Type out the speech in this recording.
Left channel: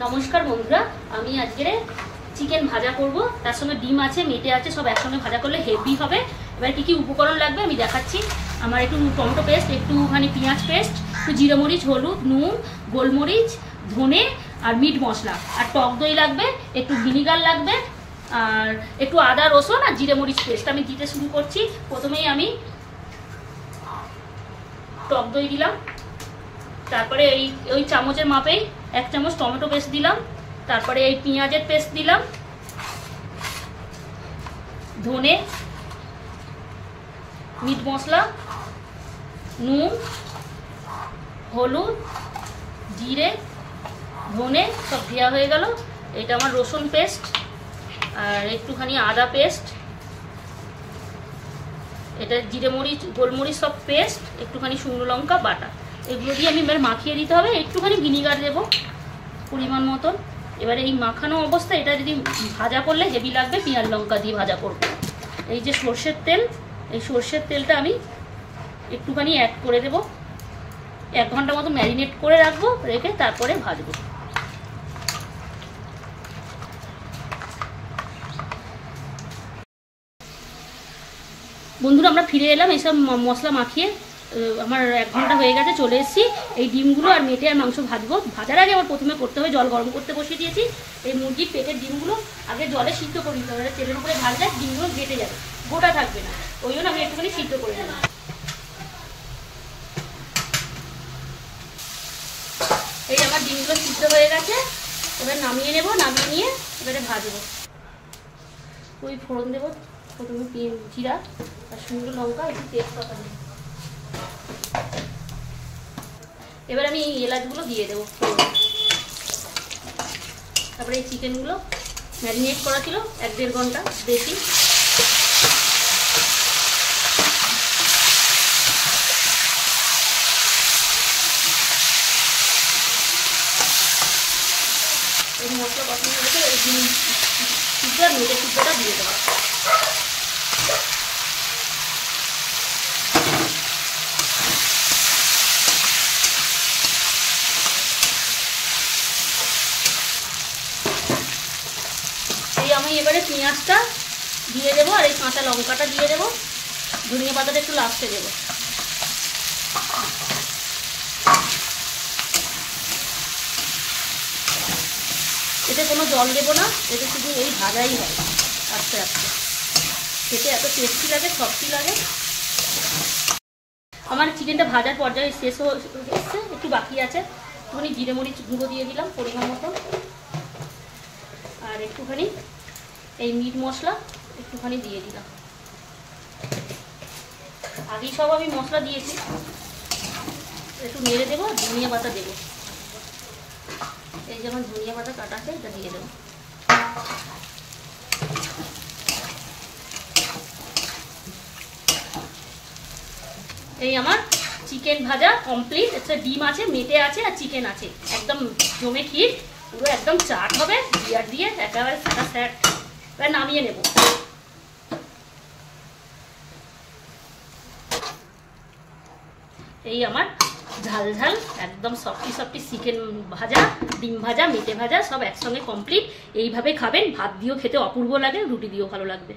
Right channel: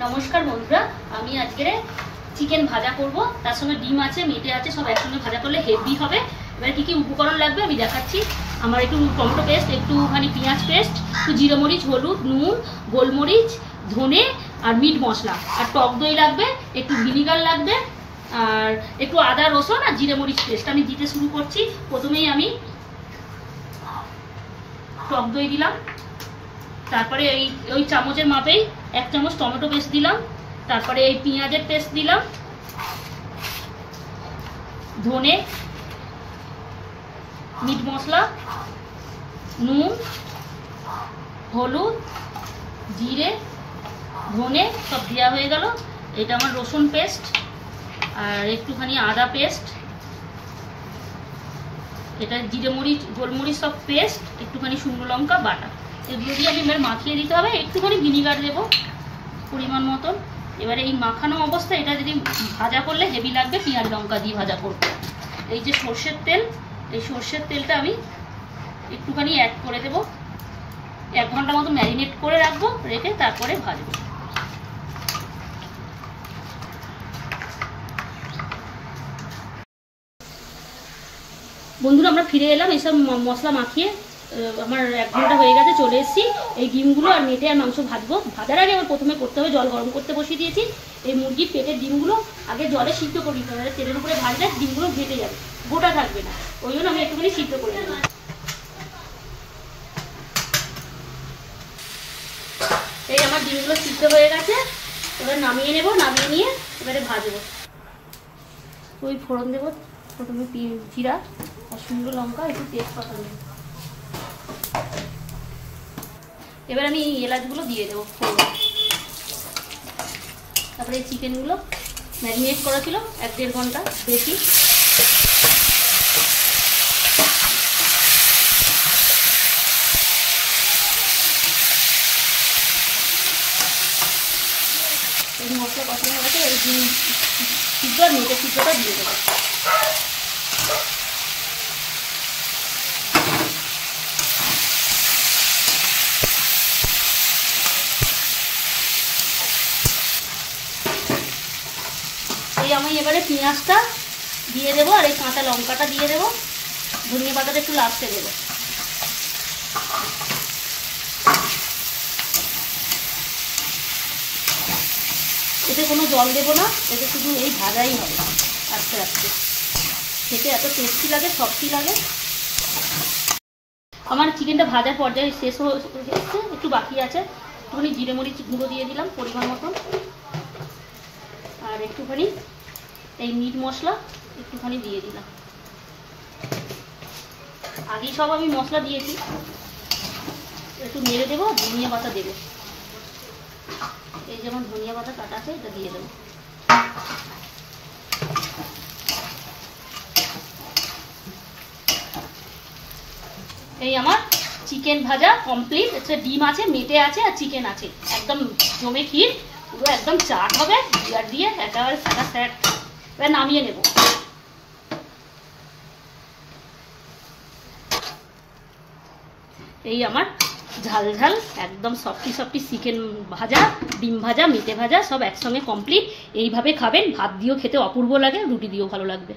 नमस्कार बंधुरा आमी आजके चिकेन भाजा करब तार संगे डिम आछे मेटे आछे सब एकसंगे भाजा करले हेवी होबे। एबार की उपकरण लागबे आमी देखाच्छि। आमार एकटु टमेटो पेस्ट, एकटुखानि पेঁয়াজ पेस्ट, एकटु जिरे मरिच, हलुद, नुन, गोलमरिच, धने और मीट मशला और टक दई लागबे, एकटु ভিনিগার लागबे और एकटु आदा रसुन और जिरे मरिच पेस्ट। आमी दिते शुरू करछि। प्रथमेई आमी टक दई दिलाम, तारपरे ओई चामचेर मापेई एक चामच टमेटो पेस्ट दिलाम, तारपरे এই পেঁয়াজের পেস্ট দিলাম, ধনে, মিট মশলা, নুন, হলুদ, জিরে, ধনে সব দেওয়া হয়ে গেল। এটা আমার রসুন পেস্ট আর একটুখানি আদা পেস্ট, এটা জিরে মরিচ গোলমরিচ সব পেস্ট, একটুখানি শুকনো লঙ্কা বাটা, এগুলো দিয়ে আমি এবার মাখিয়ে দিতে হবে। একটুখানি ভিনিগার দেবো পরিমাণ মতো। এবারে এই মাখানো অবস্থা এটা যদি ভাজা করলে হেভি লাগবে, পেঁয়াজ লঙ্কা দিয়ে ভাজা করব। এই যে সরষের তেল, এই সরষের তেলটা আমি একটুখানি অ্যাড করে দেব। 1 ঘন্টা মতো ম্যারিনেট করে রাখবো, রেখে তারপরে ভাজবো। বন্ধুরা আমরা ফিরে এলাম এইসব মশলা মাখিয়ে। আমার 1 ঘন্টা হয়ে গেছে, চলে এসেছি। এই ডিমগুলো আর মেটে আর মাংস ভাজবো। ভাজার আগে আমার প্রথমে করতে হবে, জল গরম করতে বসিয়ে দিয়েছি। এই মুরগির পেটের ডিমগুলো আগে জলে সিদ্ধ করে নিতে হবে, তেলের উপরে ভাজলে ডিমগুলো ঘেটে যাবে, গোটা থাকবে না। ওই জন্য আমি একটুখানি সিদ্ধ করে নেব। এই আমার ডিমগুলো সিদ্ধ হয়ে গেছে, এবার নামিয়ে নেব। নামিয়ে নিয়ে এবারে ভাজবো। ওই ফোড়ন দেবো, প্রথমে জিরা আর শুকনো লঙ্কা, একটু তেজপাতা দেবো। এবার আমি এই এলাচগুলো দিয়ে দেবো ফোড়ন। তারপরে এই চিকেনগুলো ম্যারিনেট করা ছিল 1-1.5 ঘন্টা বেশি। এই মশলা কষানো হয়েছে, এই সিদ্ধ আর মেটে সিদ্ধটা দিয়ে দেবো। আমি এবারে পেঁয়াজটা দিয়ে দেবো আর এই কাঁচা লঙ্কাটা দিয়ে দেবো। ধনিয়া পাতাটা একটু লাস্টে দেবো। এতে কোনো জল দেবো না, এতে শুধু এই ভাজাই হবে আস্তে আস্তে। খেতে এত টেস্টি লাগে, সফটি লাগে। আমার চিকেনটা ভাজার পর্যায়ে শেষ হচ্ছে, একটু বাকি আছে। একটুখানি জিরে মরিচ গুঁড়ো দিয়ে দিলাম পরিমাণ মতন, আর একটুখানি এই মিট মশলা একটুখানি দিয়ে দিলাম। আগেই সব আমি মশলা দিয়েছি। একটু নেড়ে দেবো, ধনিয়া পাতা দেবো। এই যেমন ধনিয়া পাতা কাটা আছে, এটা দিয়ে দেবো। এই আমার চিকেন ভাজা কমপ্লিট। আচ্ছা, ডিম আছে, মেটে আছে আর চিকেন আছে, একদম জমে ক্ষীর, পুরো একদম চাট হবে বিয়ার দিয়ে, একেবারে সাদা স্যাট। এবার নামিয়ে নেব। এই আমার ঝাল ঝাল একদম সফটি চিকেন ভাজা, ডিম ভাজা, মেটে ভাজা সব একসঙ্গে কমপ্লিট। এইভাবে খাবেন, ভাত দিয়েও খেতে অপূর্ব লাগে, রুটি দিয়েও ভালো লাগবে।